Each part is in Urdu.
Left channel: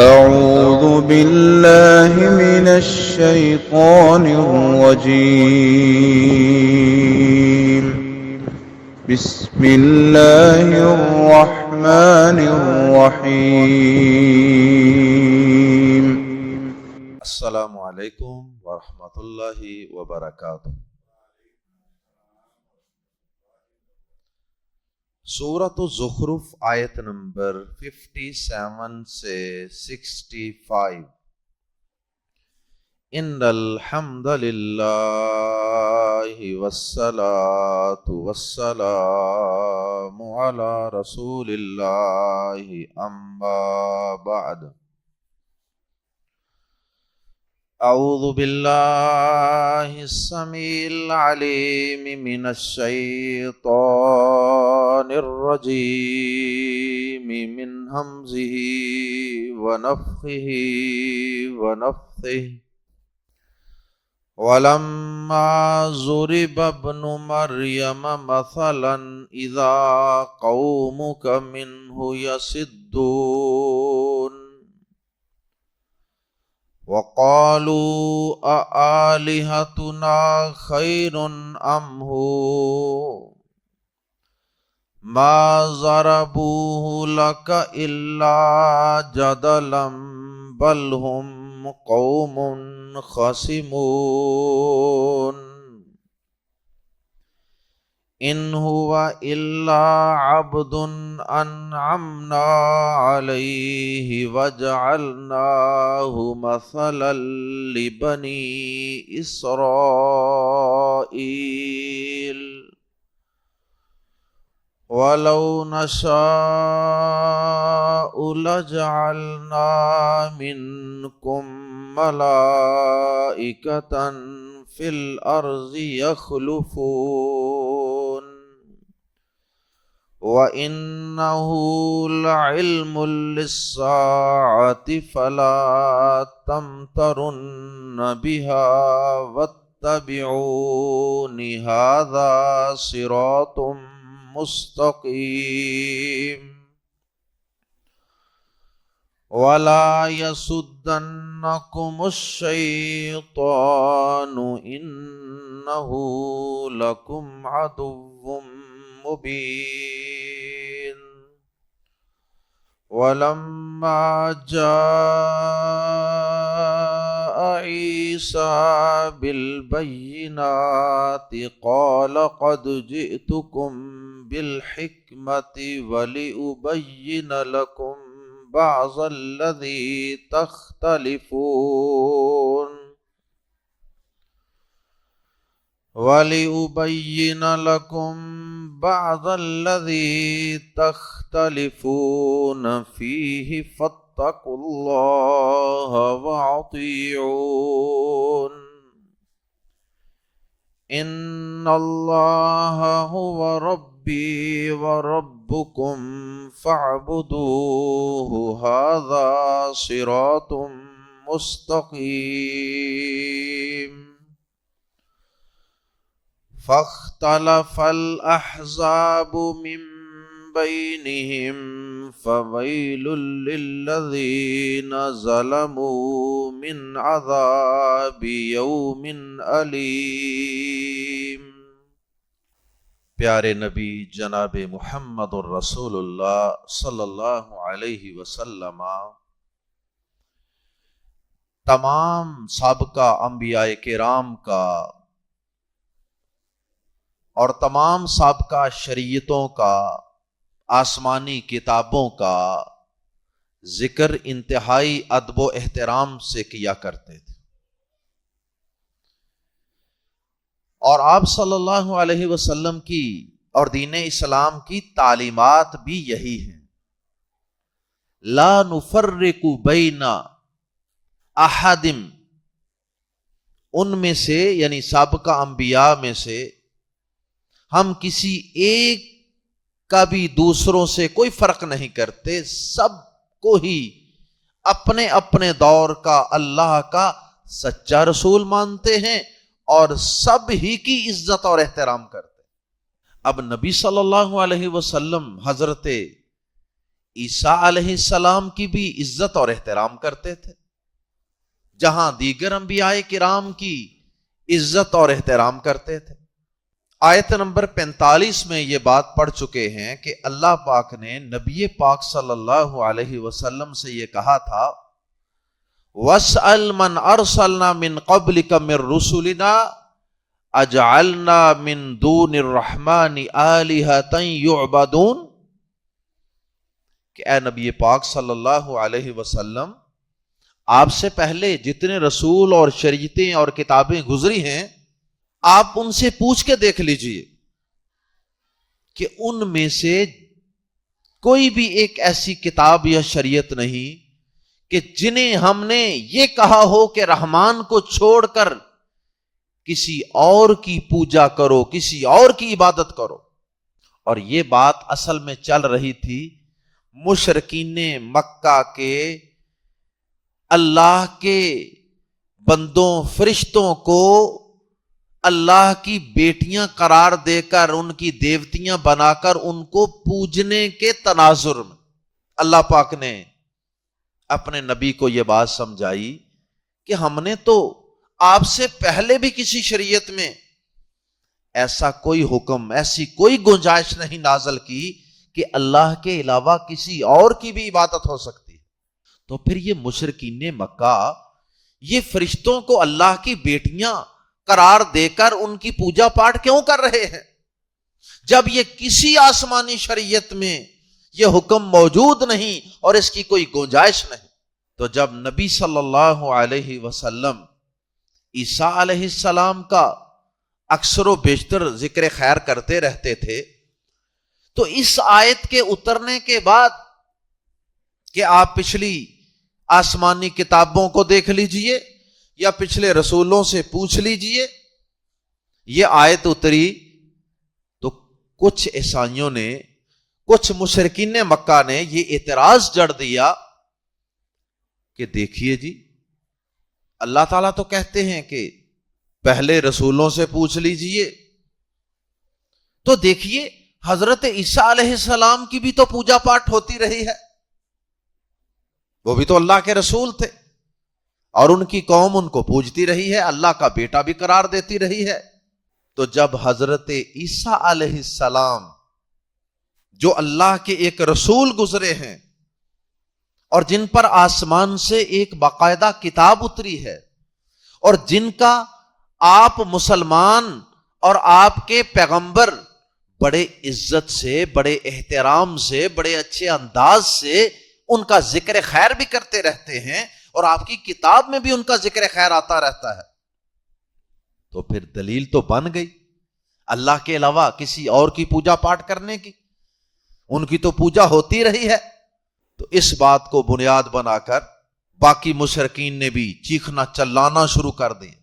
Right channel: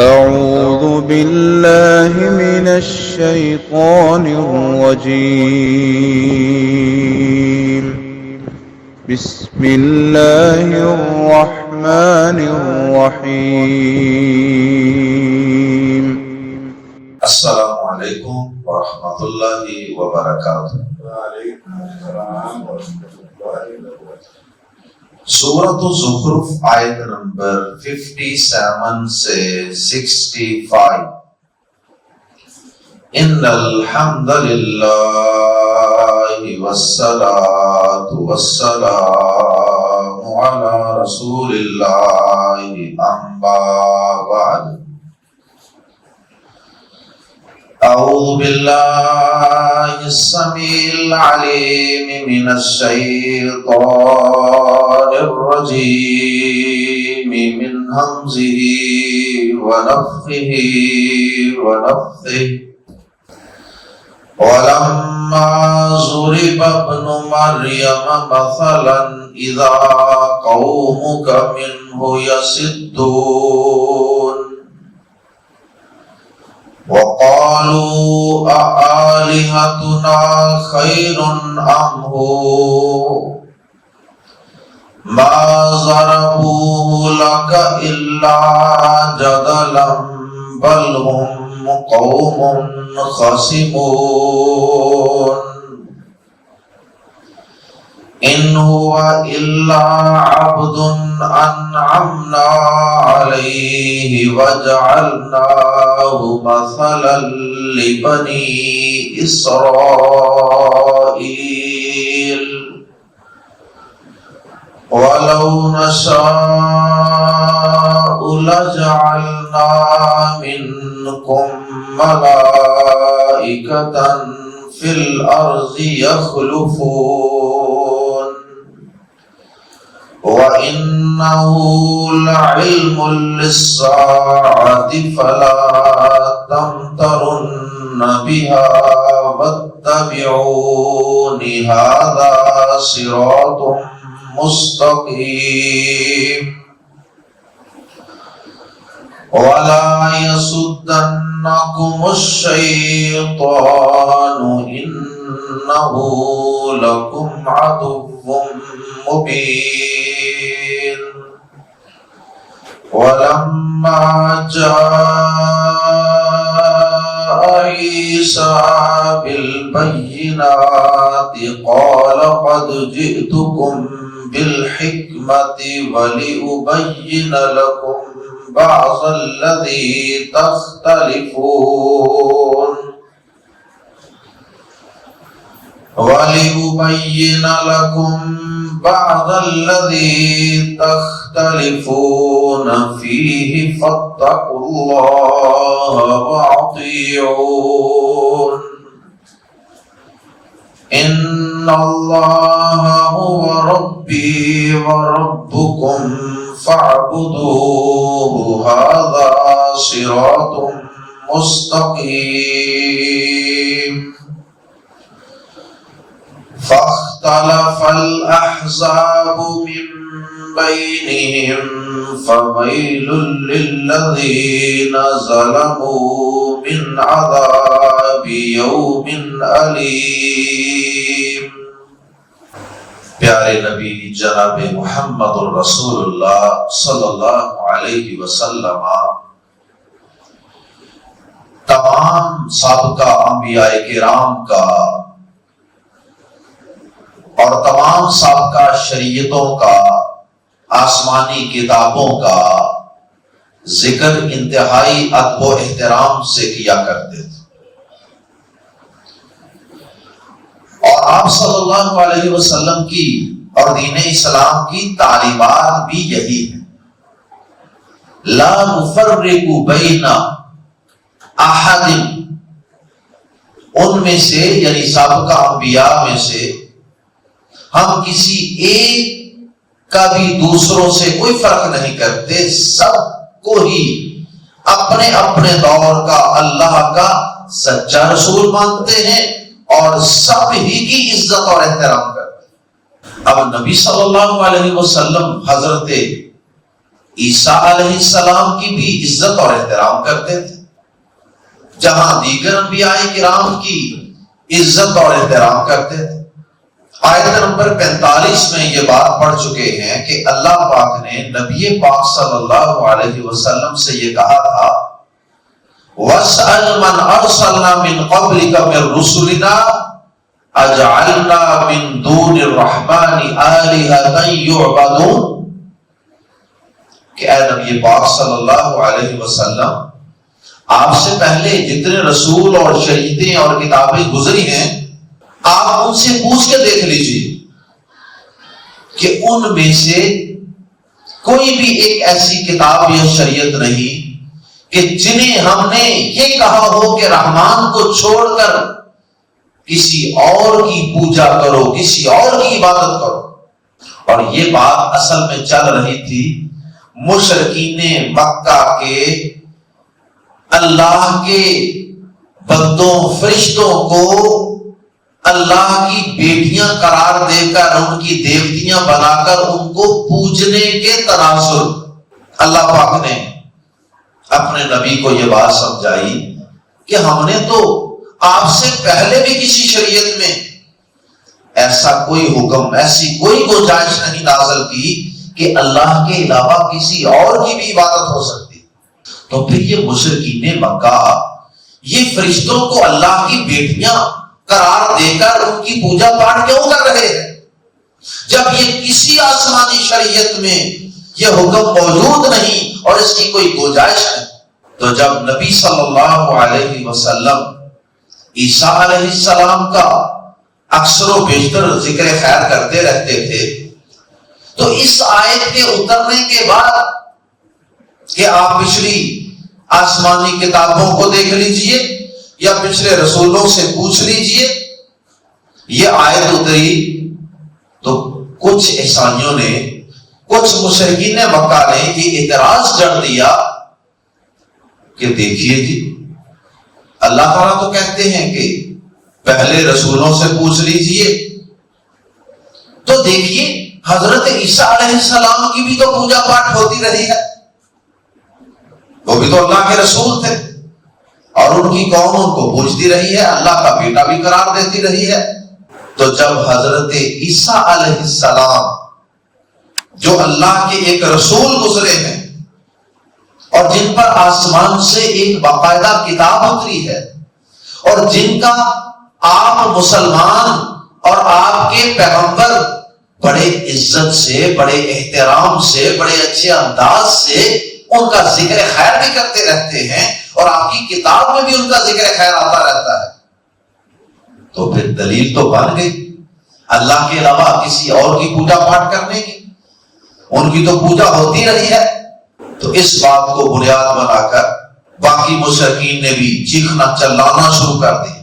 أعوذ بالله من الشيطان الرجيم. بسم الله الرحمن الرحيم. السلام علیکم ورحمۃ اللہ وبرکاتہ۔ سورۃ الزخرف آیت نمبر 57 سے 65۔ ان الحمد للہ والصلاۃ والسلام علی رسول اللہ اما بعد۔ اعوذ باللہ السمیع العلیم من الشیطان الرجیم من ہمزہ ونفخہ ونفثہ۔ ولما ضرب ابن مریم مثلا اذا قومک منہ یصدون وقالوا أآلهتنا خير أم هو ما ضربوه لك إلا جدلا بل هم قوم خصمون إن هو إلا عبد أنعمنا عليه وجعلناه مثلا لبني إسرائيل ولو نشاء لجعلنا منكم ملائكة في الأرض يخلفون وَإِنَّهُ لَعِلْمٌ لِلسَّاعَةِ فَلَا تَمْتَرُنَّ بِهَا وَاتَّبِعُونِ هَذَا صِرَاطٌ مُسْتَقِيمٌ وَلَا يَصُدَّنَّكُمُ الشَّيْطَانُ إِنَّهُ لَكُمْ عَدُوٌّ مبين ولما جاء عيسى بالبينات قال قد جئتكم بالحكمة ولأبين لكم بعض الذي تختلفون وَلِأُبَيِّنَ لَكُمْ بَعْضَ الَّذِي تَخْتَلِفُونَ فِيهِ فَاتَّقُوا اللَّهَ وَأَطِيعُونِ إِنَّ اللَّهَ هُوَ رَبِّي وَرَبُّكُمْ فَاعْبُدُوهُ هَذَا صِرَاطٌ مُسْتَقِيمٌ۔ فاختلف الأحزاب من بينهم فويل للذين ظلموا من عذاب يوم أليم۔ پیارے نبی جناب محمد الرسول اللہ صلی اللہ علیہ وسلم تمام سابقہ انبیاء کرام کا اور تمام سابقہ شریعتوں کا، آسمانی کتابوں کا ذکر انتہائی ادب و احترام سے کیا کرتے تھے، اور آپ صلی اللہ علیہ وسلم کی اور دین اسلام کی تعلیمات بھی یہی ہیں۔ لا نفرق بین احد، ان میں سے یعنی سابقہ انبیاء میں سے ہم کسی ایک کا بھی دوسروں سے کوئی فرق نہیں کرتے، سب کو ہی اپنے اپنے دور کا اللہ کا سچا رسول مانتے ہیں اور سب ہی کی عزت اور احترام کرتے ہیں۔ اب نبی صلی اللہ علیہ وسلم حضرت عیسیٰ علیہ السلام کی بھی عزت اور احترام کرتے تھے، جہاں دیگر انبیاء کرام کی عزت اور احترام کرتے تھے۔ آیت نمبر 45 میں یہ بات پڑھ چکے ہیں کہ اللہ پاک نے نبی پاک صلی اللہ علیہ وسلم سے یہ کہا تھا، وَاسْأَلْ مَنْ أَرْسَلْنَا مِنْ قَبْلِكَ مِنْ رُسُلِنَا أَجْعَلْنَا مِنْ دُونِ الرَّحْمَنِ آلِهَةً يُعْبَدُونَ، کہ اے نبی پاک صلی اللہ علیہ وسلم، آپ سے پہلے جتنے رسول اور شریعتیں اور کتابیں گزری ہیں، آپ ان سے پوچھ کے دیکھ لیجیے کہ ان میں سے کوئی بھی ایک ایسی کتاب یا شریعت نہیں کہ جنہیں ہم نے یہ کہا ہو کہ رحمان کو چھوڑ کر کسی اور کی پوجا کرو، کسی اور کی عبادت کرو۔ اور یہ بات اصل میں چل رہی تھی مشرکین مکہ کے اللہ کے بندوں فرشتوں کو اللہ کی بیٹیاں قرار دے کر، ان کی دیوتیاں بنا کر ان کو پوجنے کے تناظر۔ اللہ پاک نے اپنے نبی کو یہ بات سمجھائی کہ ہم نے تو آپ سے پہلے بھی کسی شریعت میں ایسا کوئی حکم، ایسی کوئی گنجائش نہیں نازل کی کہ اللہ کے علاوہ کسی اور کی بھی عبادت ہو سکتی۔ تو پھر یہ مشرکین مکہ یہ فرشتوں کو اللہ کی بیٹیاں قرار دے کر ان کی پوجا پاٹ کیوں کر رہے ہیں، جب یہ کسی آسمانی شریعت میں یہ حکم موجود نہیں اور اس کی کوئی گنجائش ہے؟ تو جب نبی صلی اللہ علیہ وسلم عیسیٰ علیہ السلام کا اکثر و بیشتر ذکر خیر کرتے رہتے تھے، تو اس آیت کے اترنے کے بعد کہ آپ پچھلی آسمانی کتابوں کو دیکھ لیجئے یا پچھلے رسولوں سے پوچھ لیجئے، یہ آیت اتری تو کچھ عیسائیوں نے، کچھ مشرکین مکہ نے یہ اعتراض کر دیا کہ دیکھیے جی، اللہ تعالیٰ تو کہتے ہیں کہ پہلے رسولوں سے پوچھ لیجئے، تو دیکھیے حضرت عیسیٰ علیہ السلام کی بھی تو پوجا پاٹ ہوتی رہی ہے، وہ بھی تو اللہ کے رسول تھے اور ان کی قوم ان کو پوجتی رہی ہے، اللہ کا بیٹا بھی قرار دیتی رہی ہے۔ تو جب حضرت عیسیٰ علیہ السلام جو اللہ کے ایک رسول گزرے ہیں اور جن پر آسمان سے ایک باقاعدہ کتاب اتری ہے اور جن کا آپ مسلمان اور آپ کے پیغمبر بڑے عزت سے، بڑے احترام سے، بڑے اچھے انداز سے ان کا ذکر خیر بھی کرتے رہتے ہیں اور آپ کی کتاب میں بھی ان کا ذکر خیر آتا رہتا ہے، تو پھر دلیل تو بن گئی اللہ کے علاوہ کسی اور کی پوجا پاٹ کرنے کی، ان کی تو پوجا ہوتی رہی ہے۔ تو اس بات کو بنیاد بنا کر باقی مشرکین نے بھی چیخنا چلانا شروع کر دیا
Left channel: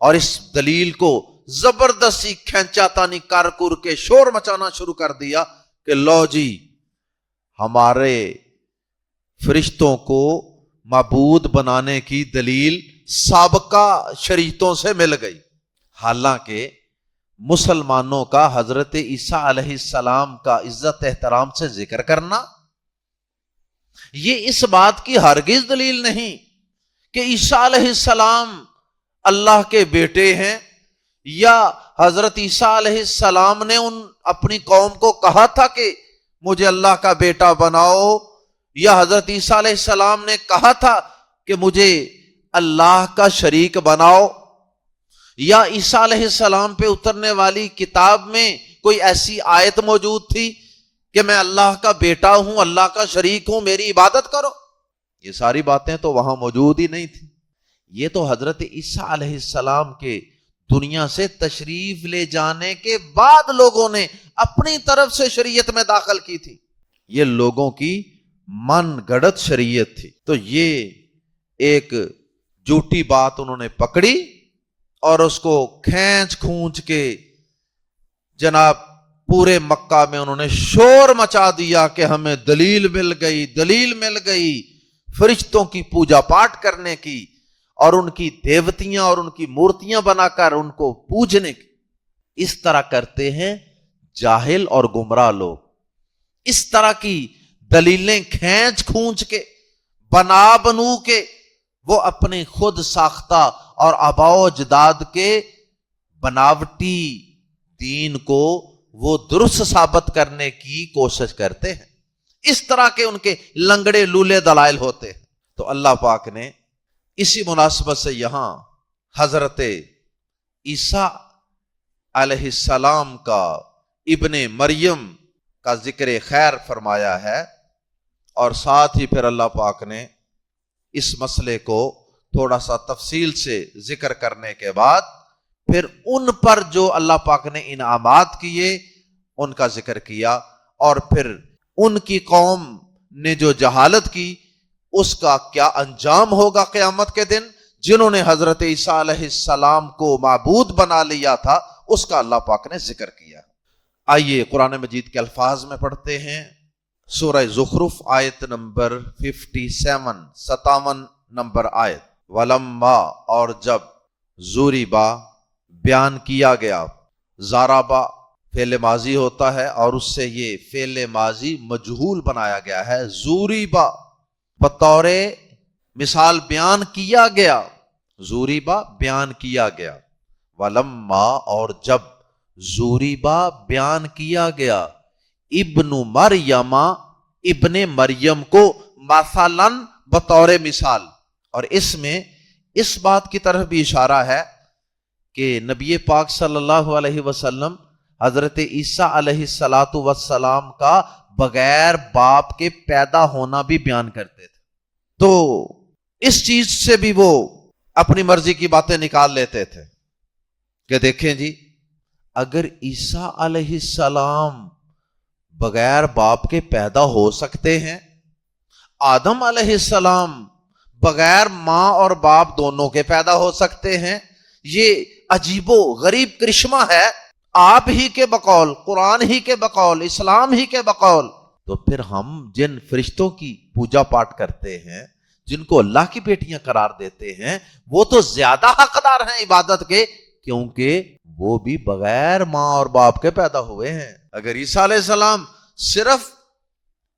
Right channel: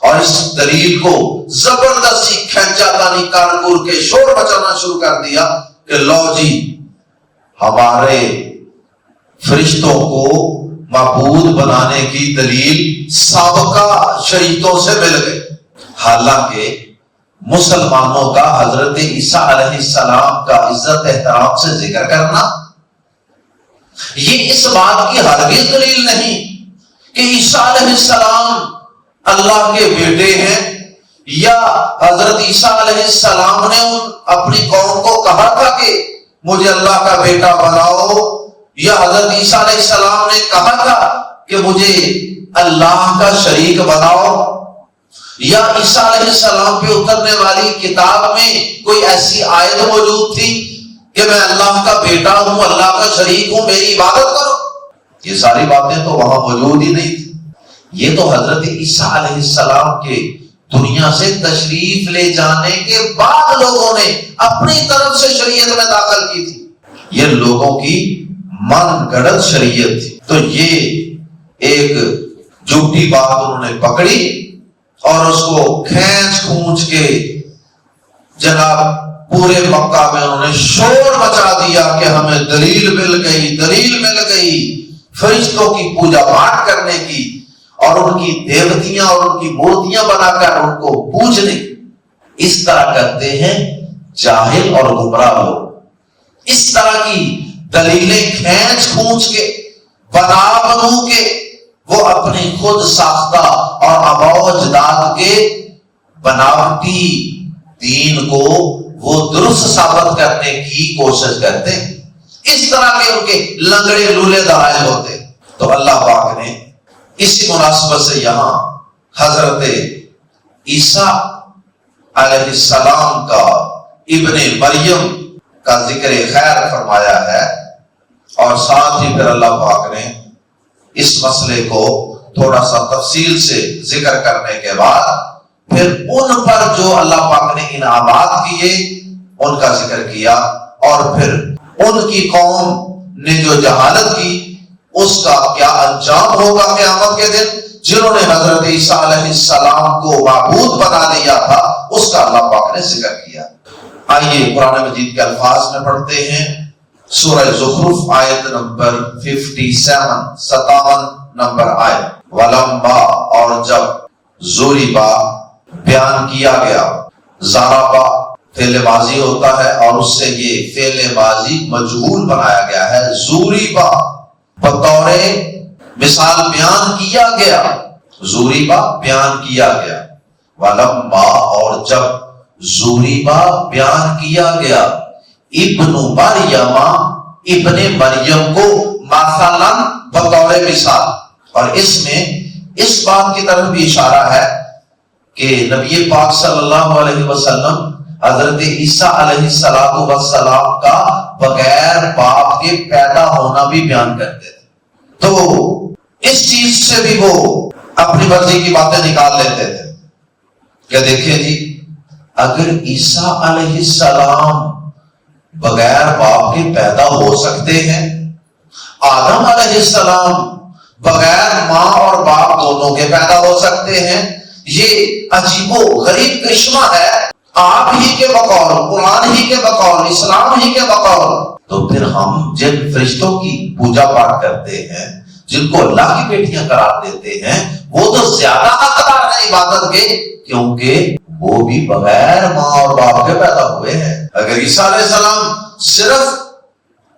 اور اس دلیل کو زبردستی کھینچا تانی کارکور کے شور مچانا شروع کر دیا کہ لو جی، ہمارے فرشتوں کو معبود بنانے کی دلیل سابقہ شریعتوں سے مل گئی۔ حالانکہ مسلمانوں کا حضرت عیسیٰ علیہ السلام کا عزت احترام سے ذکر کرنا یہ اس بات کی ہرگز دلیل نہیں کہ عیسیٰ علیہ السلام اللہ کے بیٹے ہیں، یا حضرت عیسیٰ علیہ السلام نے اپنی قوم کو کہا تھا کہ مجھے اللہ کا بیٹا بناؤ، یا حضرت عیسیٰ علیہ السلام نے کہا تھا کہ مجھے اللہ کا شریک بناؤ، یا عیسیٰ علیہ السلام پہ اترنے والی کتاب میں کوئی ایسی آیت موجود تھی کہ میں اللہ کا بیٹا ہوں، اللہ کا شریک ہوں، میری عبادت کرو۔ یہ ساری باتیں تو وہاں موجود ہی نہیں تھی۔ یہ تو حضرت عیسیٰ علیہ السلام کے دنیا سے تشریف لے جانے کے بعد لوگوں نے اپنی طرف سے شریعت میں داخل کی تھی، یہ لوگوں کی من گڑت شریعت تھی۔ تو یہ ایک جھوٹی بات انہوں نے پکڑی اور اس کو کھینچ کھونچ کے جناب پورے مکہ میں انہوں نے شور مچا دیا کہ ہمیں دلیل مل گئی، دلیل مل گئی فرشتوں کی پوجا پاٹ کرنے کی اور ان کی دیوتیاں اور ان کی مورتیاں بنا کر ان کو پوجنے۔ اس طرح کرتے ہیں جاہل اور گمراہ لوگ، اس طرح کی دلیلیں کھینچ کھونچ کے بنا بنو کے وہ اپنی خود ساختہ اور آباء و اجداد کے بناوٹی دین کو وہ درست ثابت کرنے کی کوشش کرتے ہیں. اس طرح کے ان کے لنگڑے لولے دلائل ہوتے. تو اللہ پاک نے اسی مناسبت سے یہاں حضرت عیسیٰ علیہ السلام کا ابن مریم کا ذکر خیر فرمایا ہے، اور ساتھ ہی پھر اللہ پاک نے اس مسئلے کو تھوڑا سا تفصیل سے ذکر کرنے کے بعد پھر ان پر جو اللہ پاک نے انعامات کیے ان کا ذکر کیا، اور پھر ان کی قوم نے جو جہالت کی اس کا کیا انجام ہوگا قیامت کے دن. جنہوں نے حضرت عیسیٰ علیہ السلام کو معبود بنا لیا تھا اس کا اللہ پاک نے ذکر کیا. آئیے قرآن مجید کے الفاظ میں پڑھتے ہیں. سورہ زخرف آیت نمبر 57 نمبر آیت. ولما، اور جب، زوریبا بیان کیا گیا. زارابا فعل ماضی ہوتا ہے اور اس سے یہ فعل ماضی مجہول بنایا گیا ہے. زوریبا بطور مثال بیان کیا گیا. زوریبا بیان کیا گیا. ولما، اور جب، زوریبا بیان کیا گیا. ابن مریم، ابن مریم کو مثلا بطور مثال. اور اس میں اس بات کی طرف بھی اشارہ ہے کہ نبی پاک صلی اللہ علیہ وسلم حضرت عیسیٰ علیہ السلام کا بغیر باپ کے پیدا ہونا بھی بیان کرتے تھے. تو اس چیز سے بھی وہ اپنی مرضی کی باتیں نکال لیتے تھے کہ دیکھیں جی، اگر عیسیٰ علیہ السلام بغیر باپ کے پیدا ہو سکتے ہیں، آدم علیہ السلام بغیر ماں اور باپ دونوں کے پیدا ہو سکتے ہیں، یہ عجیب و غریب کرشمہ ہے آپ ہی کے بقول، قرآن ہی کے بقول، اسلام ہی کے بقول. تو پھر ہم جن فرشتوں کی پوجا پاٹ کرتے ہیں، جن کو اللہ کی بیٹیاں قرار دیتے ہیں، وہ تو زیادہ حقدار ہیں عبادت کے، کیونکہ وہ بھی بغیر ماں اور باپ کے پیدا ہوئے ہیں. اگر عیسیٰ علیہ السلام صرف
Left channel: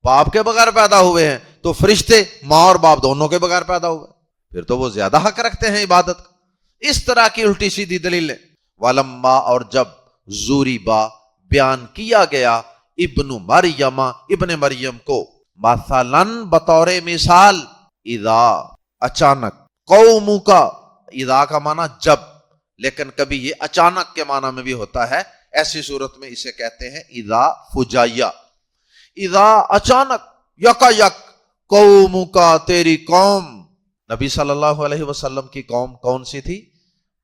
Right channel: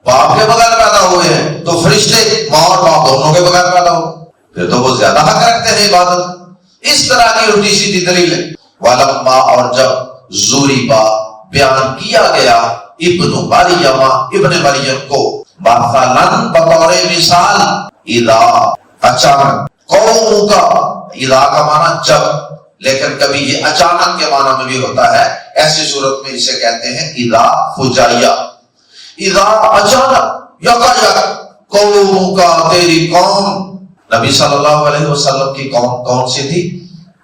باپ کے بغیر پیدا ہوئے ہیں تو فرشتے ماں اور باپ دونوں کے بغیر پیدا ہوئے، پھر تو وہ زیادہ حق رکھتے ہیں عبادت. اس طرح کی الٹی سیدھی دلیل ہے. ولما، اور جب، زوریبا بیان کیا گیا. ابن مریم، ابن مریم کو مثلا بطور مثال. اذا، اچانک. قوم کا، اذا کا معنی جب، لیکن کبھی یہ اچانک کے معنی میں بھی ہوتا ہے. ایسی صورت میں اسے کہتے ہیں اذا فجائیہ. اذا اچانک، یکایک. قوم کا، تیری قوم. نبی صلی اللہ علیہ وسلم کی قوم کون سی تھی؟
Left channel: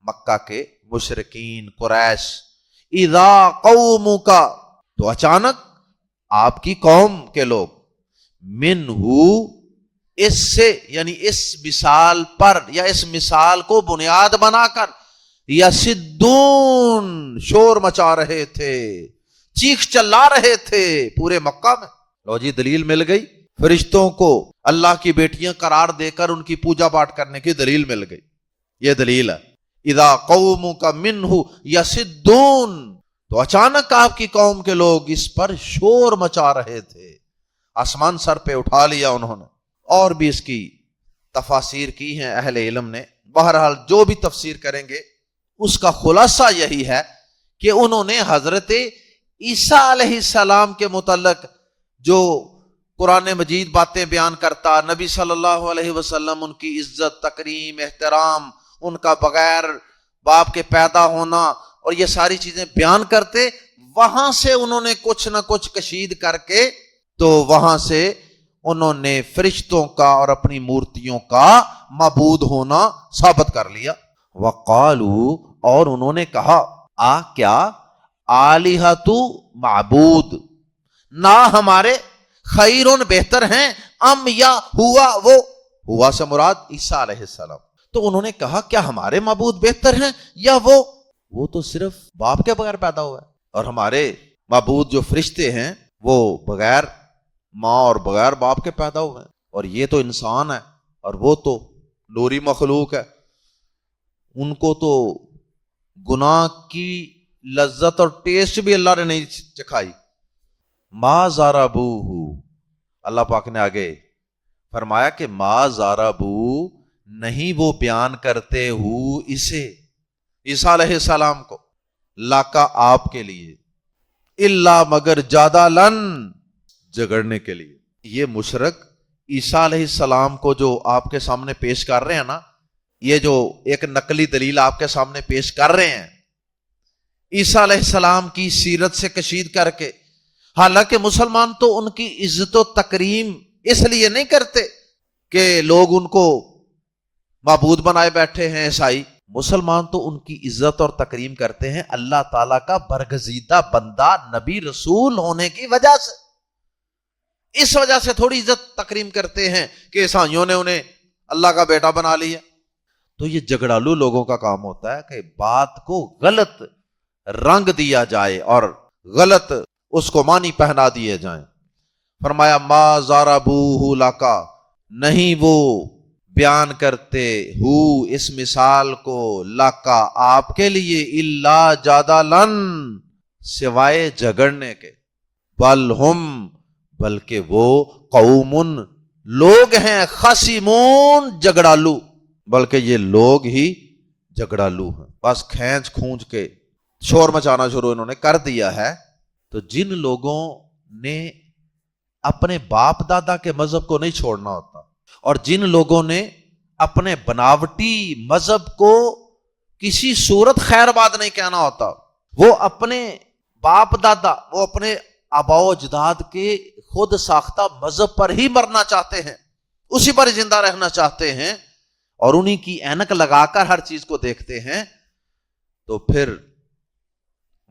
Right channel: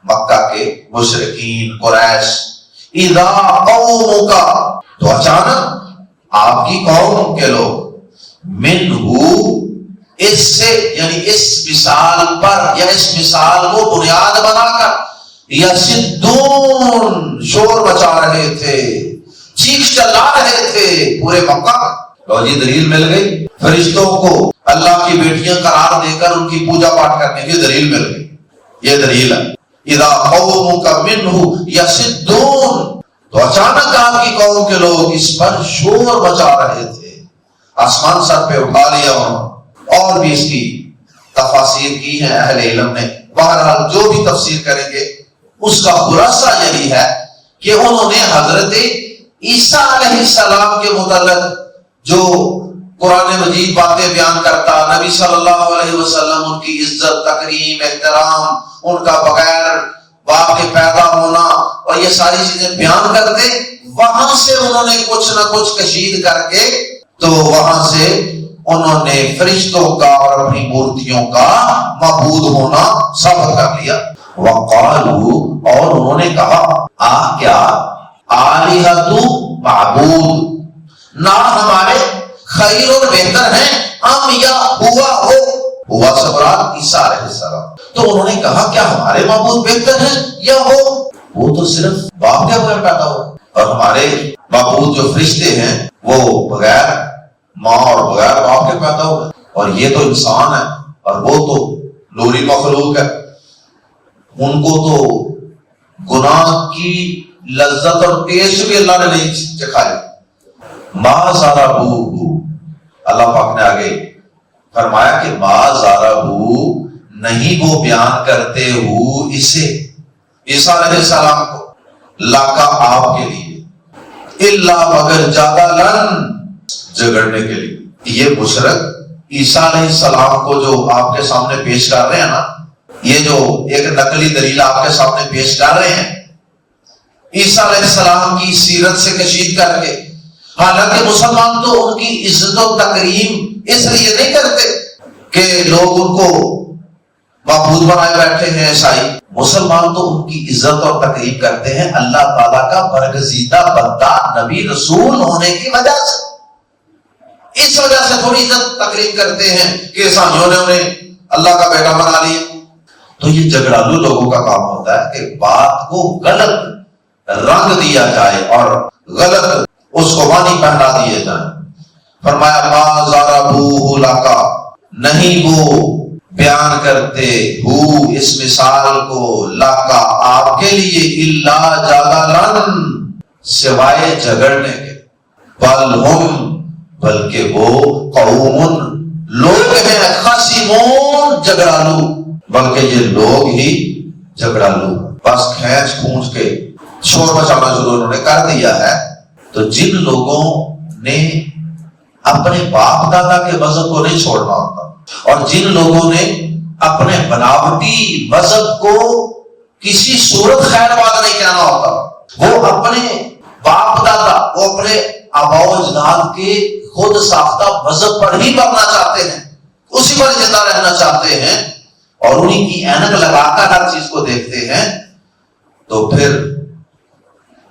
مکہ کے مشرکین، قریش. اذا قوم کا، تو اچانک آپ کی قوم کے لوگ. منہو، اس سے، یعنی اس مثال پر یا اس مثال کو بنیاد بنا کر، یصدون، شور مچا رہے تھے، چیخ چلا رہے تھے پورے مکہ میں. اور یہ دلیل مل گئی فرشتوں کو اللہ کی بیٹیاں قرار دے کر ان کی پوجا پاٹ کرنے کی دلیل مل گئی. یہ دلیل ہے. اذا قومک منہ یصدون، تو اچانک آپ کی قوم کے لوگ اس پر شور مچا رہے تھے. آسمان سر پہ اٹھا لیا وہاں. اور بھی اس کی تفاسیر کی ہیں اہل علم نے. بہرحال جو بھی تفسیر کریں گے اس کا خلاصہ یہی ہے کہ انہوں نے حضرت عیسیٰ علیہ السلام کے متعلق جو قرآن مجید باتیں بیان کرتا، نبی صلی اللہ علیہ وسلم ان کی عزت، تکریم، احترام، ان کا بغیر باپ کے پیدا ہونا اور یہ ساری چیزیں بیان کرتے، وہاں سے انہوں نے کچھ نہ کچھ کشید کر کے تو وہاں سے انہوں نے فرشتوں کا اور اپنی مورتیوں کا معبود ہونا ثابت کر لیا. وقالو، اور انہوں نے کہا کیا آلہۃ، معبود، نہ ہمارے خیر اور بہتر ہیں، ام یا ہوا سے مراد عیسیٰ علیہ السلام. تو انہوں نے کہا کیا ہمارے معبود بہتر ہیں یا وہ تو صرف باپ کے بغیر پیدا ہو، اور ہمارے معبود جو فرشتے ہیں وہ بغیر ماں اور بغیر باپ کے پیدا ہوئے، اور یہ تو انسان ہے اور وہ تو لوری مخلوق ہے. ان کو تو گناہ کی لذت اور ٹیسٹ بھی اللہ نے نہیں چکھایا. ما ظلموہ، اللہ پاک نے آگے فرمایا کہ ما ضربو نہیں وہ بیان کرتے ہو اسے عیسیٰ علیہ السلام کو لکا آپ کے لیے الا مگر جدلن جھگڑنے کے لیے. یہ مشرک عیسیٰ علیہ السلام کو جو آپ کے سامنے پیش کر رہے ہیں نا، یہ جو ایک نقلی دلیل آپ کے سامنے پیش کر رہے ہیں عیسیٰ علیہ السلام کی سیرت سے کشید کر کے، حالانکہ مسلمان تو ان کی عزت و تکریم اس لیے نہیں کرتے کہ لوگ ان کو معبود بنائے بیٹھے ہیں عیسائی. مسلمان تو ان کی عزت اور تکریم کرتے ہیں اللہ تعالیٰ کا برگزیدہ بندہ نبی رسول ہونے کی وجہ سے. اس وجہ سے تھوڑی عزت تکریم کرتے ہیں کہ عیسائیوں نے انہیں اللہ کا بیٹا بنا لیا. تو یہ جھگڑالو لوگوں کا کام ہوتا ہے کہ بات کو غلط رنگ دیا جائے اور غلط اس کو معنی پہنا دیے جائیں. فرمایا ما ضربوہ لکا نہیں وہ بیان کرتے ہو اس مثال کو لکا آپ کے لیے الا جدلن سوائے جھگڑنے کے، بل ہم بلکہ وہ قوم لوگ ہیں خصمون جھگڑالو، بلکہ یہ لوگ ہی جھگڑالو، بس کھینچ کھونچ کے شور مچانا شروع انہوں نے کر دیا ہے. تو جن لوگوں نے اپنے باپ دادا کے مذہب کو نہیں چھوڑنا ہوتا اور جن لوگوں نے اپنے بناوٹی مذہب کو کسی صورت خیر بات نہیں کہنا ہوتا، وہ اپنے باپ دادا وہ اپنے آباء و اجداد کے خود ساختہ مذہب پر ہی مرنا چاہتے ہیں، اسی پر زندہ رہنا چاہتے ہیں اور انہی کی اینک لگا کر ہر چیز کو دیکھتے ہیں، تو پھر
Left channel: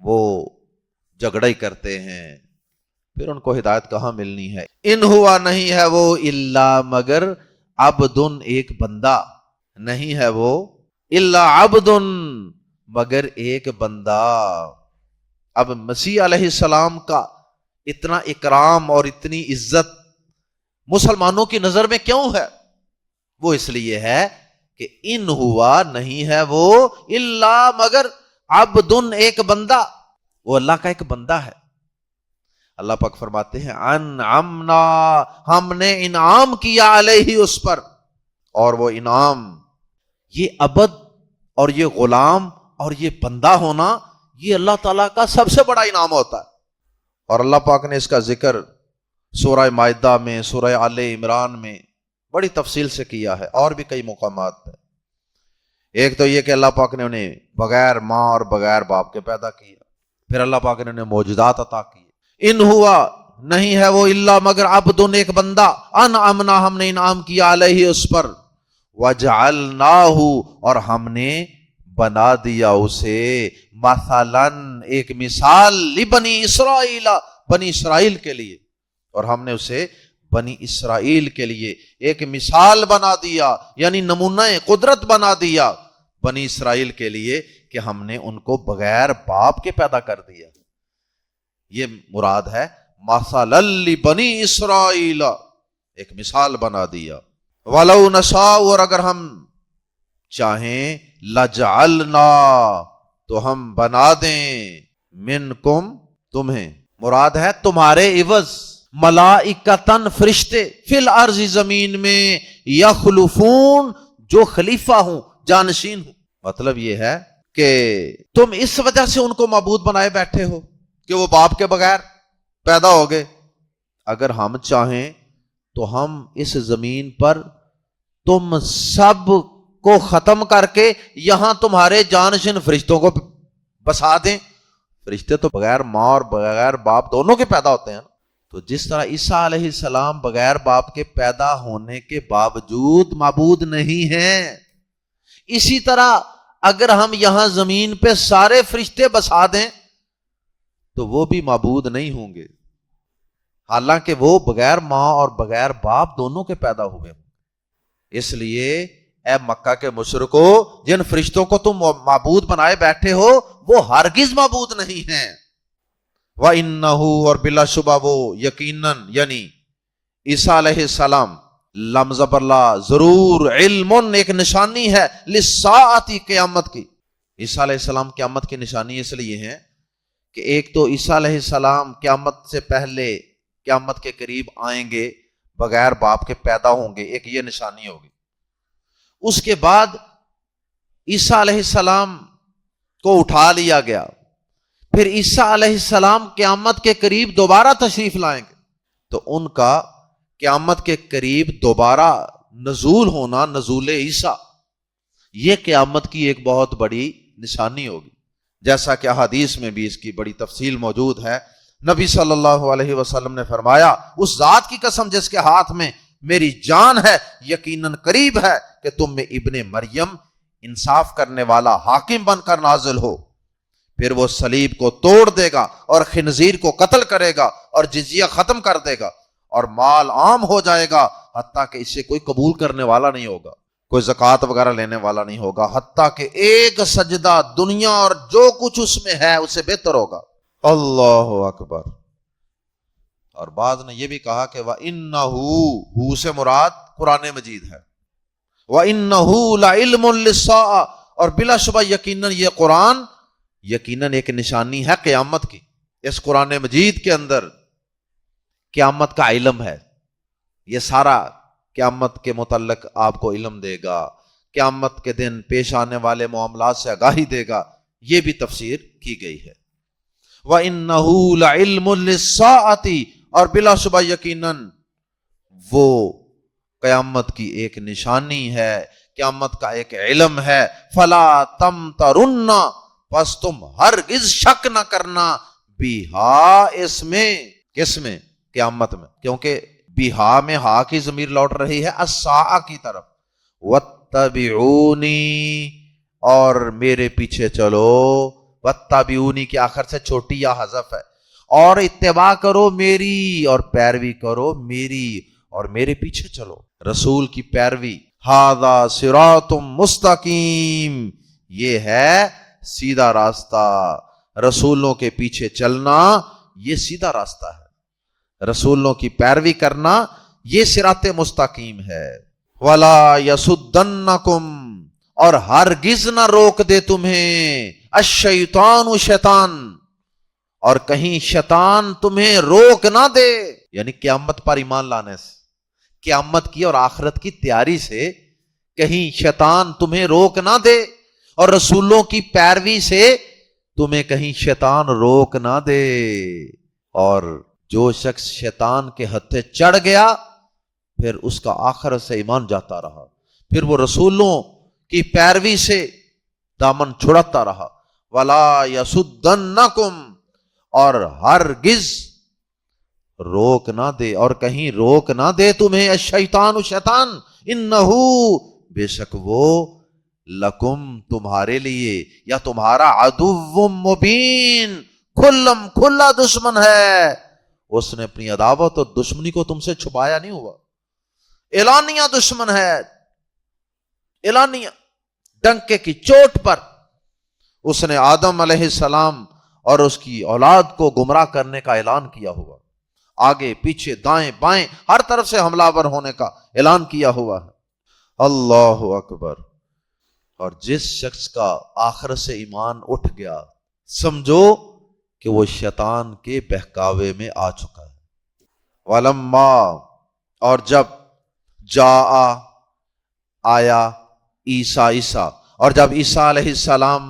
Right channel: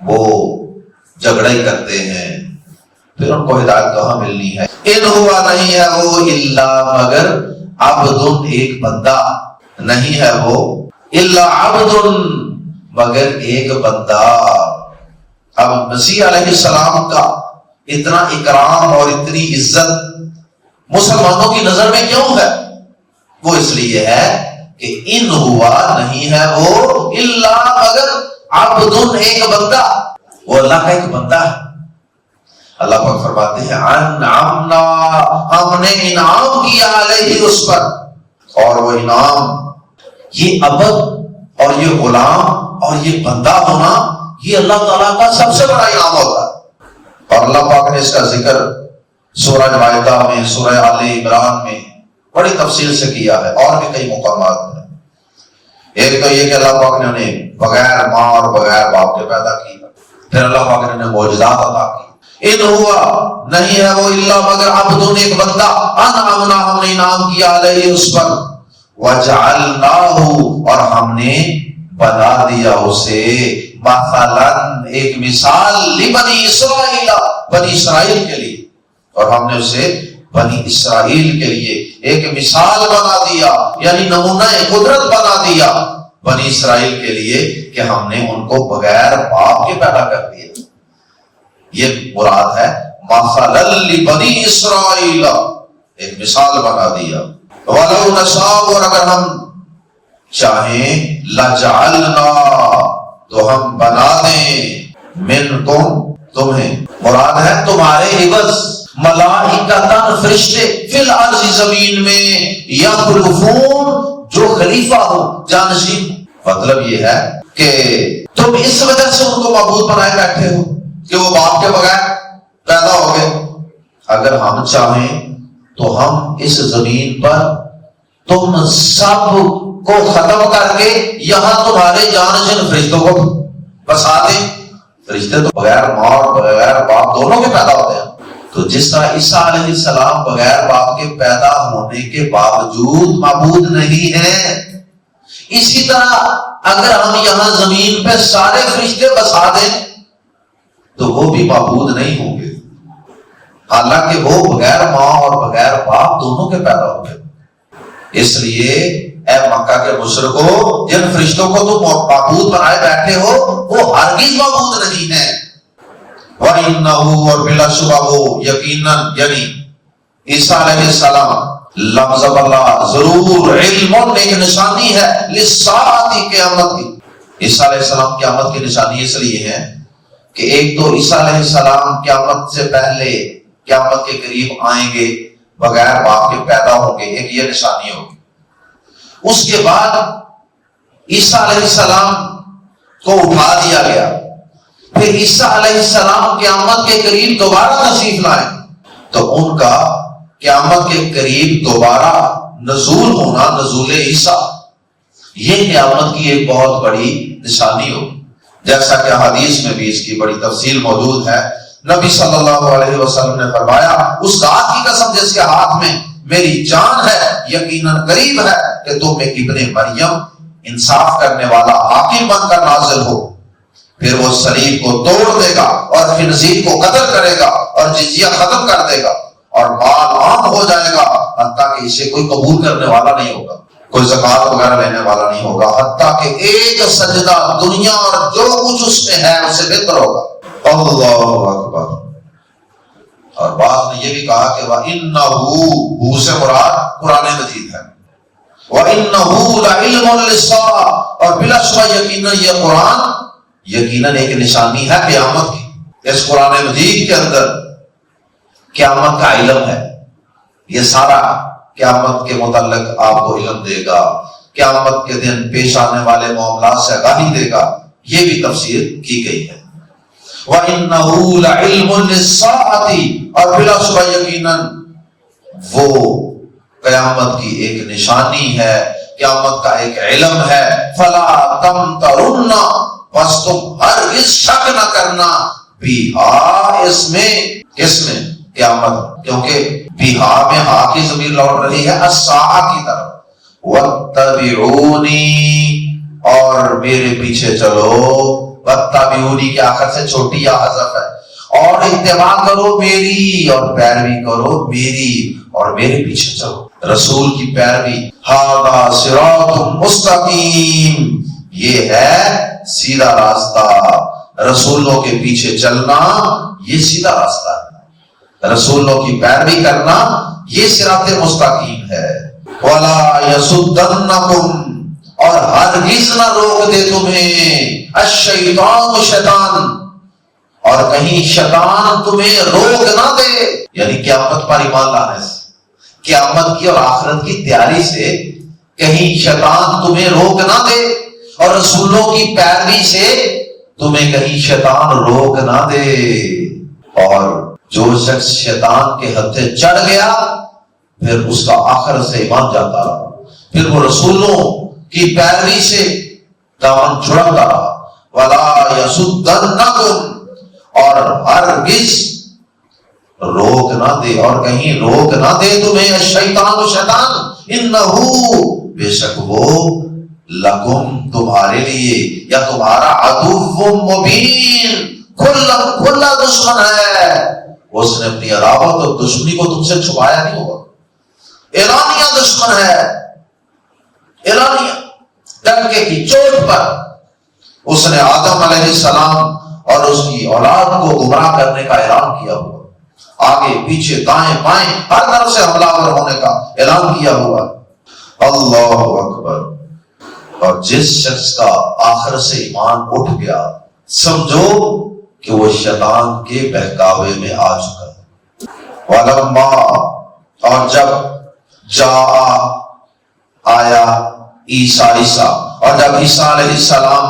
وہ جھگڑا ہی کرتے ہیں. پھر ان کو ہدایت کہاں ملنی ہے؟ ان ہوا نہیں ہے وہ الا مگر عبد ایک بندہ، نہیں ہے وہ الا عبد مگر ایک بندہ. اب مسیح علیہ السلام کا اتنا اکرام اور اتنی عزت مسلمانوں کی نظر میں کیوں ہے؟ وہ اس لیے ہے کہ ان ہوا نہیں ہے وہ الا مگر عبد ایک بندہ، وہ اللہ کا ایک بندہ ہے. اللہ پاک فرماتے ہیں انعمنا ہم نے انعام کیا علیہ اس پر، اور وہ انعام یہ عبد اور یہ غلام اور یہ بندہ ہونا یہ اللہ تعالیٰ کا سب سے بڑا انعام ہوتا ہے. اور اللہ پاک نے اس کا ذکر سورہ مائدہ میں، سورہ آل عمران میں بڑی تفصیل سے کیا ہے، اور بھی کئی مقامات ہیں. ایک تو یہ کہ اللہ پاک نے انہیں بغیر ماں اور بغیر باپ کے پیدا کیا، پھر اللہ پاک نے انہیں معجزات عطا کی. ان ہوا نہیں ہے وہ الا مگر عبد ایک بندہ انعمنا ہم نے انعام کیا علیہ اس پر، وجعلناہ اور ہم نے بنا دیا اسے مثلا ایک مثال لبنی اسرائیل بنی اسرائیل کے لیے، اور ہم نے اسے بنی اسرائیل کے لیے ایک مثال بنا دیا، یعنی نمونہ قدرت بنا دیا بنی اسرائیل کے لیے کہ ہم نے ان کو بغیر باپ کے پیدا کر دیا. یہ مراد ہے مثلا لبنی اسرائیل، ایک مثال بنا دیا. وَلَوْ نَشَاءُ اور اگر ہم چاہیں لَجَعَلْنَا تو ہم بنا دیں مِنْكُمْ تمہیں، مراد ہے تمہارے عوض ملائکتاً فرشتے فی الارض زمین میں یخلفون جو خلیفہ ہو جانشین. مطلب یہ ہے کہ تم اس وجہ سے ان کو معبود بنائے بیٹھے ہو کہ وہ باپ کے بغیر پیدا ہو گئے. اگر ہم چاہیں تو ہم اس زمین پر تم سب کو ختم کر کے یہاں تمہارے جانشین فرشتوں کو بسا دیں. فرشتے تو بغیر ماں اور بغیر باپ دونوں کے پیدا ہوتے ہیں. تو جس طرح عیسیٰ علیہ السلام بغیر باپ کے پیدا ہونے کے باوجود معبود نہیں ہیں، اسی طرح اگر ہم یہاں زمین پہ سارے فرشتے بسا دیں تو وہ بھی معبود نہیں ہوں گے، حالانکہ وہ بغیر ماں اور بغیر باپ دونوں کے پیدا ہو گئے. اس لیے اے مکہ کے مشرکو، جن فرشتوں کو تم معبود بنائے بیٹھے ہو وہ ہرگز معبود نہیں ہیں. وَإِنَّهُ اور بلا شبہ وہ یقیناً یعنی عیسیٰ علیہ السلام لفظ اللہ ضرور علم ایک نشانی ہے للساعۃ قیامت کی. عیسیٰ علیہ السلام قیامت کی نشانی اس لیے ہے کہ ایک تو عیسیٰ علیہ السلام قیامت سے پہلے قیامت کے قریب آئیں گے بغیر باپ کے پیدا ہوں گے، ایک یہ نشانی ہوگی۔ اس کے بعد عیسیٰ علیہ السلام کو اٹھا لیا گیا، پھر عیسیٰ علیہ السلام قیامت کے قریب دوبارہ تشریف لائیں تو ان کا قیامت کے قریب دوبارہ نزول ہونا، نزول عیسیٰ، یہ قیامت کی ایک بہت بڑی نشانی ہوگی، جیسا کہ حدیث میں بھی اس کی بڑی تفصیل موجود ہے۔ نبی صلی اللہ علیہ وسلم نے فرمایا، اس ذات کی قسم جس کے ہاتھ میں میری جان ہے، یقیناً قریب ہے کہ تم ایک ابن مریم انصاف کرنے والا حاکم بن کر نازل ہو، پھر وہ صلیب کو توڑ دے گا اور خنزیر کو قتل کرے گا اور جزیہ ختم کر دے گا اور مال عام ہو جائے گا، حتیٰ کہ اسے کوئی قبول کرنے والا نہیں ہوگا، کوئی زکات وغیرہ لینے والا نہیں ہوگا، حتیٰ کہ ایک سجدہ دنیا اور جو کچھ اس میں ہے اسے بہتر ہوگا۔ اللہ اکبر۔ اور بعض نے یہ بھی کہا کہ وَإِنَّهُ سے مراد قرآن مجید ہے، وَإِنَّهُ لَعِلْمٌ لِلسَّاعَةِ، اور بلا شبہ یقیناً یہ قرآن یقیناً ایک نشانی ہے قیامت کی۔ اس قرآن مجید کے اندر قیامت کا علم ہے، یہ سارا قیامت کے متعلق آپ کو علم دے گا، قیامت کے دن پیش آنے والے معاملات سے آگاہی دے گا، یہ بھی تفسیر کی گئی ہے۔ وَإِنَّهُ لَعِلْمٌ لِلسَّاعَةِ، اور بلا شبہ یقیناً وہ قیامت کی ایک نشانی ہے، قیامت کا ایک علم ہے۔ فَلَا تَمْتَرُنَّ، بس تم ہرگز شک نہ کرنا، بیہا اس میں قیامت، کیونکہ بیہا میں ہا کی ضمیر لوٹ رہی ہے الساعہ کی طرف۔ وَاتَّبِعُونِی، اور میرے پیچھے چلو، وَاتَّبِعُونِی کے آخر سے چھوٹی یا حذف ہے، اور اتباع کرو میری اور پیروی کرو میری اور میرے پیچھے چلو، رسول کی پیروی۔ ھذا صراط مستقیم، یہ ہے سیدھا راستہ، رسولوں کے پیچھے چلنا یہ سیدھا راستہ ہے، رسولوں کی پیروی کرنا یہ صراط مستقیم ہے۔ وَلَا يَصُدَّنَّكُمْ، اور ہرگز نہ روک دے تمہیں الشیطان، شیطان، اور کہیں شیطان تمہیں روک نہ دے، یعنی قیامت پر ایمان لانے سے، قیامت کی اور آخرت کی تیاری سے کہیں شیطان تمہیں روک نہ دے، اور رسولوں کی پیروی سے تمہیں کہیں شیطان روک نہ دے۔ اور جو شخص شیطان کے ہتھے چڑھ گیا پھر اس کا آخر سے ایمان جاتا رہا، پھر وہ رسولوں کی پیروی سے دامن چھڑکتا رہا۔ وَلَا يَصُدَّنَّكُمْ، اور ہرگز روک نہ دے، اور کہیں روک نہ دے تمہیں شیطان، شیطان، انہو، بے شک وہ، لکم، تمہارے لیے، یا تمہارا عدو مبین، کھلا دشمن ہے، اس نے اپنی عداوت اور دشمنی کو تم سے چھپایا نہیں ہوگا، اعلانیہ دشمن ہے، اعلانیہ، ڈنکے کی چوٹ پر اس نے آدم علیہ السلام اور اس کی اولاد کو گمراہ کرنے کا اعلان کیا ہوا، آگے پیچھے دائیں بائیں ہر طرف سے حملہ ور ہونے کا اعلان کیا ہوا۔ اللہ اکبر۔ اور جس شخص کا آخر سے ایمان اٹھ گیا، سمجھو کہ وہ شیطان کے بہکاوے میں آ چکا ہے۔ وَلَمَّا، اور جب آیا عیسیٰ، اور جب عیسیٰ علیہ السلام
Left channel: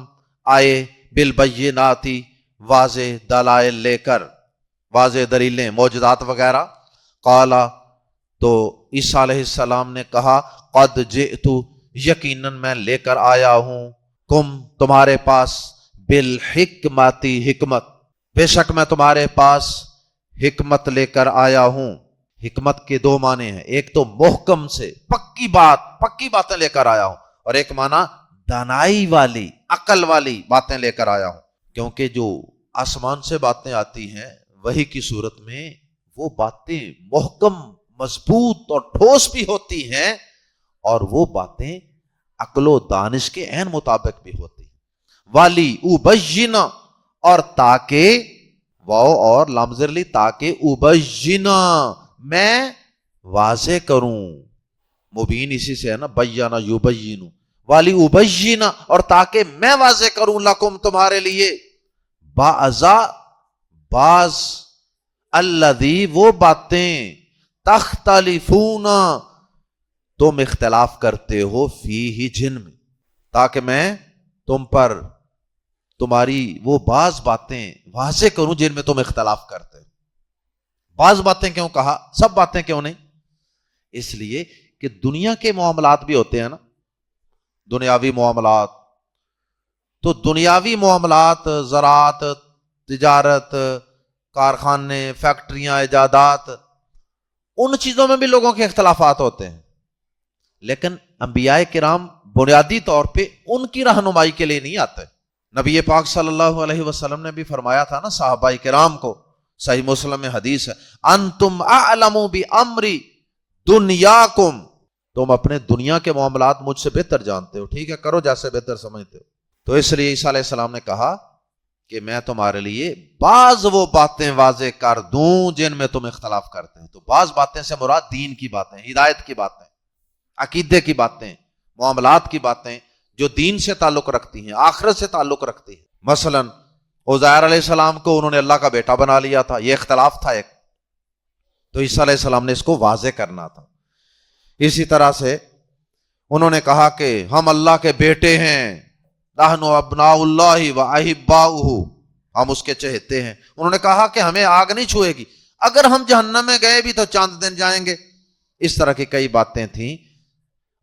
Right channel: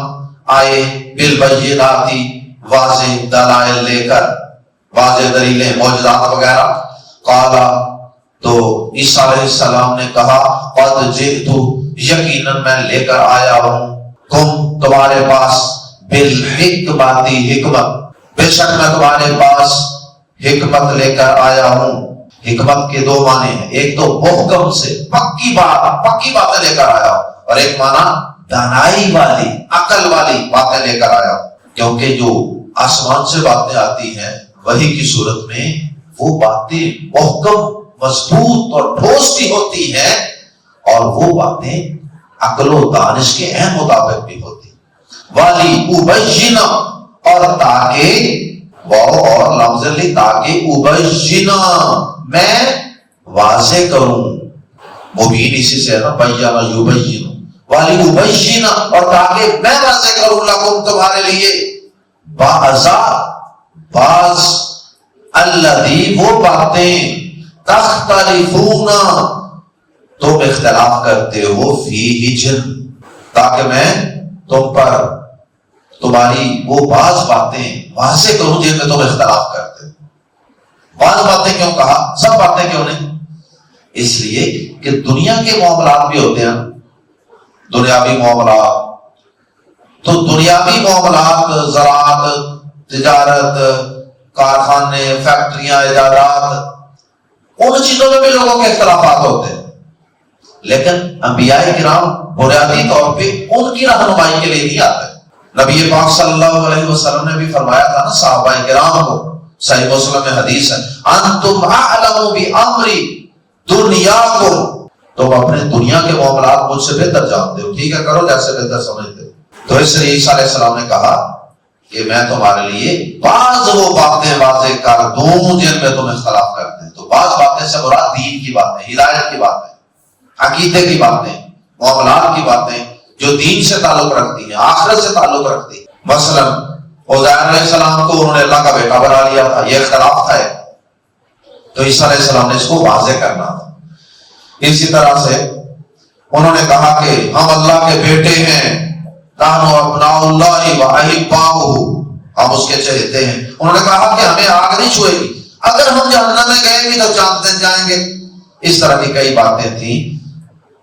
آئے بالبینات، واضح دلائل لے کر، واضح دلیلیں، معجزات وغیرہ، قال، تو عیسیٰ علیہ السلام نے کہا، قد جئت، یقیناً میں لے کر آیا ہوں، تمہارے پاس بالحکمت، حکمت، بے شک میں تمہارے پاس حکمت لے کر آیا ہوں۔ حکمت کے دو معنی ہیں، ایک تو محکم سے پکی باتیں لے کر آیا، اور ایک معنی دانائی والی، عقل والی باتیں لے کر آیا، کیونکہ جو آسمان سے باتیں آتی ہیں وحی کی صورت میں وہ باتیں محکم، مضبوط اور ٹھوس بھی ہوتی ہیں، اور وہ باتیں عقل و دانش کے عین مطابق بھی ہوتی ہیں۔ والی ابینا، اور تاکہ، واو اور لفظ لی، تاکہ ابینا، میں واضح کروں، مبین اسی سے ہے نا، بیانا یبین، والی ابینا، اور تاکہ میں واضح کروں، لکم، تمہارے لیے، بعض الذی، وہ باتیں، تختلفون، تم اختلاف کرتے ہو، فیہ جن، تاکہ میں تم پر تمہاری وہ بعض باتیں واضح کروں جن میں تم اختلاف کرتے ہو۔ بعض باتیں کیوں کہا؟ سب باتیں کیوں نہیں؟ اس لیے کہ دنیا کے معاملات بھی ہوتے ہیں، دنیاوی معاملات، تو دنیاوی معاملات، زراعت، تجارت، کارخانے، فیکٹریاں، ایجادات، ان چیزوں میں بھی لوگوں کے اختلافات ہوتے ہیں، لیکن انبیاء کرام بنیادی طور پہ ان کی رہنمائی کے لیے نہیں آتے۔ نبی پاک صلی اللہ علیہ وسلم نے بھی فرمایا تھا نا صحابہ کرام کو، صحیح مسلم میں حدیث ہے، انتم اعلم بامر دنیاکم، تم اپنے دنیا کے معاملات مجھ سے بہتر جانتے ہو، ٹھیک ہے کرو جیسے بہتر سمجھتے ہو۔ تو اس لیے عیسیٰ علیہ السلام نے کہا کہ میں تمہارے لیے بعض وہ باتیں واضح کر دوں جن میں تم اختلاف کرتے ہیں۔ تو بعض باتیں سے مراد دین کی باتیں، ہدایت کی باتیں، عقیدے کی باتیں، معاملات کی باتیں جو دین سے تعلق رکھتی ہیں، آخرت سے تعلق رکھتی ہیں۔ مثلا عزیر علیہ السلام کو انہوں نے اللہ کا بیٹا بنا لیا تھا، یہ اختلاف تھا، تو عیسیٰ علیہ السلام نے اس کو واضح کرنا تھا۔ اسی طرح سے انہوں نے کہا کہ ہم اللہ کے بیٹے ہیں، نحن ابناء اللہ واحباؤہ، ہم اس کے چہتے ہیں۔ انہوں نے کہا کہ ہمیں آگ نہیں چھوئے گی، اگر ہم جہنم میں گئے بھی تو جانتے جائیں گے۔ اس طرح کی کئی باتیں تھیں،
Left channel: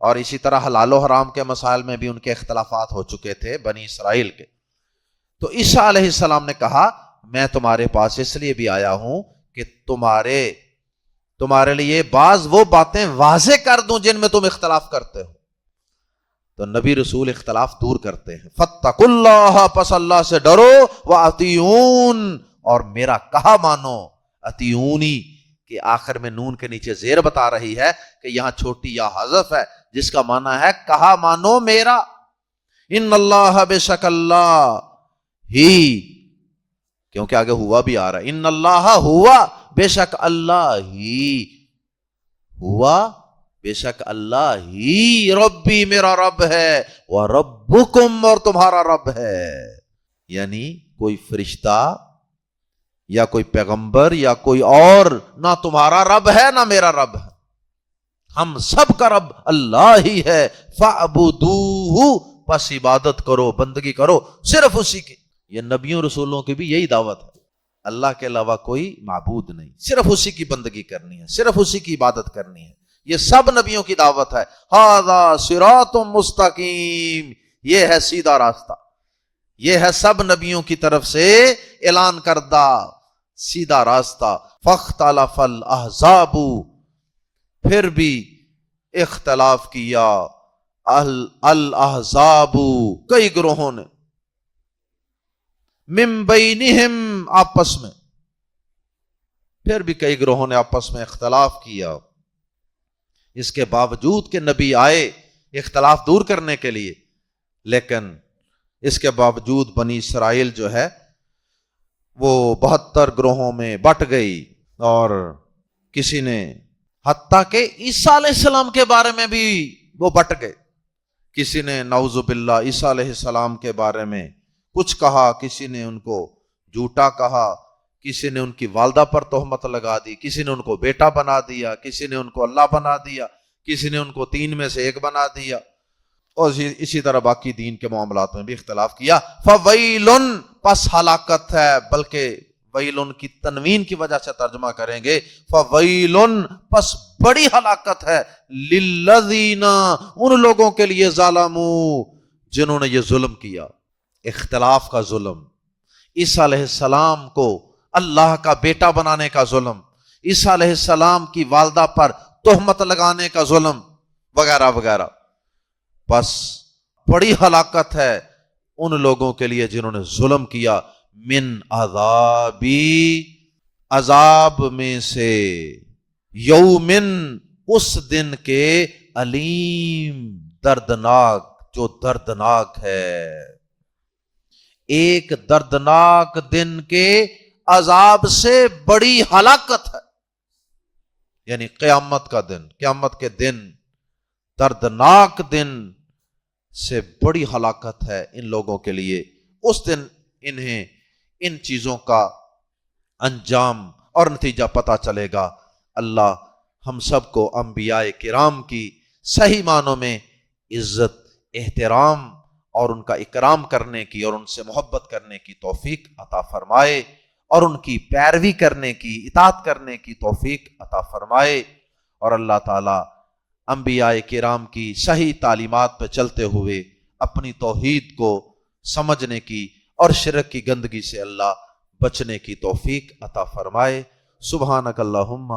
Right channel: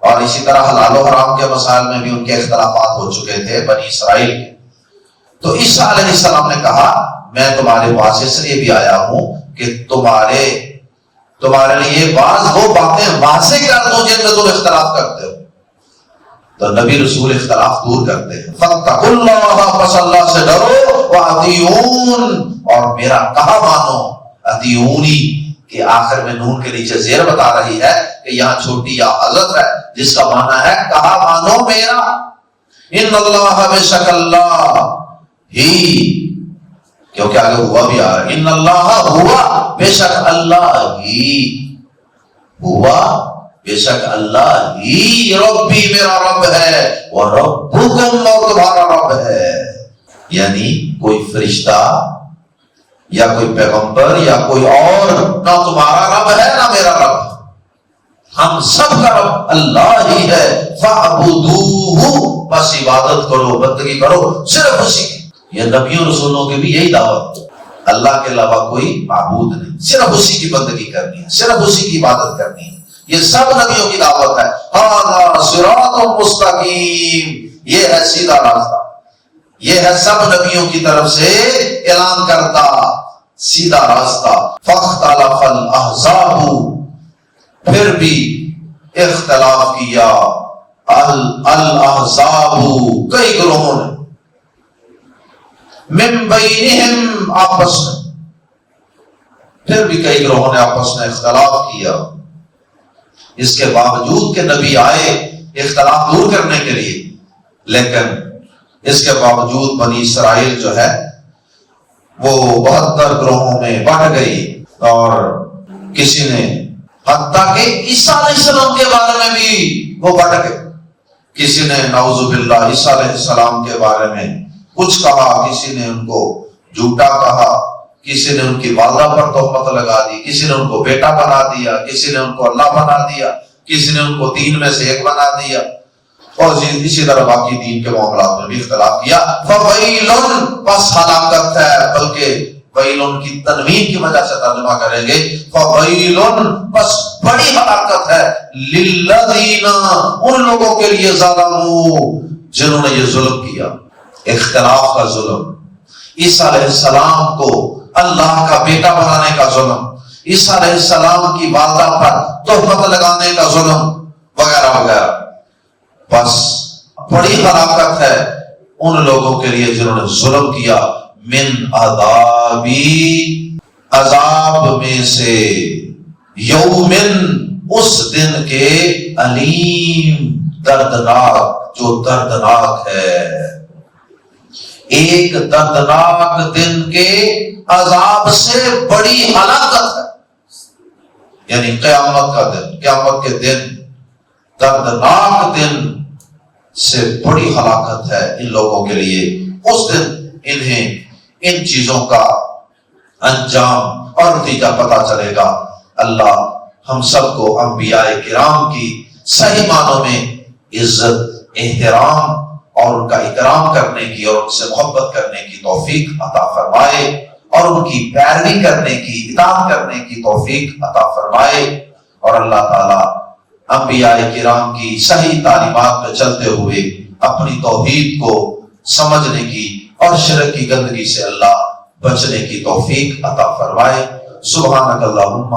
اور اسی طرح حلال و حرام کے مسائل میں بھی ان کے اختلافات ہو چکے تھے بنی اسرائیل کے۔ تو عیسیٰ علیہ السلام نے کہا میں تمہارے پاس اس لیے بھی آیا ہوں کہ تمہارے لیے بعض وہ باتیں واضح کر دوں جن میں تم اختلاف کرتے ہو۔ تو نبی رسول اختلاف دور کرتے ہیں۔ فاتقوا اللہ، پس اللہ سے ڈرو، واطیعون، اور میرا کہا مانو، اطیعونی کہ آخر میں نون کے نیچے زیر بتا رہی ہے کہ یہاں چھوٹی یا حضرت ہے، جس کا معنی ہے کہا مانو میرا۔ ان اللہ، بے شک اللہ ہی، کیونکہ آگے ہوا بھی آ رہا ہے، ان اللہ ہوا، بے شک اللہ ہی، ہوا بے شک اللہ ہی، ربی میرا رب ہے، وربکم، اور تمہارا رب ہے۔ یعنی کوئی فرشتہ یا کوئی پیغمبر یا کوئی اور نہ تمہارا رب ہے نہ میرا رب ہے، ہم سب کا رب اللہ ہی ہے۔ فاعبدوہ، بس عبادت کرو، بندگی کرو صرف اسی کی۔ یہ نبیوں رسولوں کی بھی یہی دعوت، اللہ کے علاوہ کوئی معبود نہیں، صرف اسی کی بندگی کرنی ہے، صرف اسی کی عبادت کرنی ہے۔ یہ سب نبیوں کی دعوت ہے۔ ھذا صراط مستقیم، یہ ہے سیدھا راستہ، یہ ہے سب نبیوں کی طرف سے اعلان کرتا سیدھا راستہ۔ فاختلف الاحزاب، پھر بھی اختلاف کیا الاحزاب، کئی گروہوں نے، من بینہم، آپس میں، پھر بھی کئی گروہوں نے آپس میں اختلاف کیا۔ اس کے باوجود کہ نبی آئے اختلاف دور کرنے کے لیے، لیکن اس کے باوجود بنی اسرائیل جو ہے وہ 72 گروہوں میں بٹ گئی، اور کسی نے حتیٰ کہ عیسیٰ علیہ السلام کے بارے میں بھی وہ بٹ گئے، کسی نے نعوذ باللہ عیسیٰ علیہ السلام کے بارے میں کچھ کہا، کسی نے ان کو جھوٹا کہا، کسی نے ان کی والدہ پر تہمت لگا دی، کسی نے ان کو بیٹا بنا دیا، کسی نے ان کو اللہ بنا دیا، کسی نے ان کو تین میں سے ایک بنا دیا، اور اسی طرح باقی دین کے معاملات میں بھی اختلاف کیا۔ فویل، پس ہلاکت ہے، بلکہ ویل کی تنوین کی وجہ سے ترجمہ کریں گے، فویل، پس بڑی ہلاکت ہے، للذین، ان لوگوں کے لیے، ظلموا، جنہوں نے یہ ظلم کیا، اختلاف کا ظلم، عیسیٰ علیہ السلام کو اللہ کا بیٹا بنانے کا ظلم، عیسیٰ علیہ السلام کی والدہ پر تہمت لگانے کا ظلم، وغیرہ وغیرہ۔ بس بڑی ہلاکت ہے ان لوگوں کے لیے جنہوں نے ظلم کیا، من عذابی، عذاب میں سے، یومن، اس دن کے، علیم، دردناک، جو دردناک ہے، ایک دردناک دن کے عذاب سے بڑی ہلاکت ہے، یعنی قیامت کا دن، قیامت کے دن، دردناک دن سے بڑی ہلاکت ہے ان لوگوں کے لیے۔ اس دن انہیں ان چیزوں کا انجام اور نتیجہ پتا چلے گا۔ اللہ ہم سب کو انبیاء کرام کی صحیح معنوں میں عزت، احترام اور ان کا اکرام کرنے کی اور ان سے محبت کرنے کی توفیق عطا فرمائے، اور ان کی پیروی کرنے کی، اطاعت کرنے کی توفیق عطا فرمائے، اور اللہ تعالیٰ انبیاء کرام کی صحیح تعلیمات پہ چلتے ہوئے اپنی توحید کو سمجھنے کی اور شرک کی گندگی سے اللہ بچنے کی توفیق عطا فرمائے۔ سبحانک اللہم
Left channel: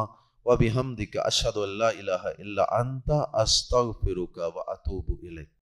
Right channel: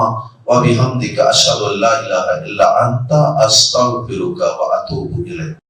وبحمدک اشہد ان لا الہ الا انت استغفرک واتوب الیک۔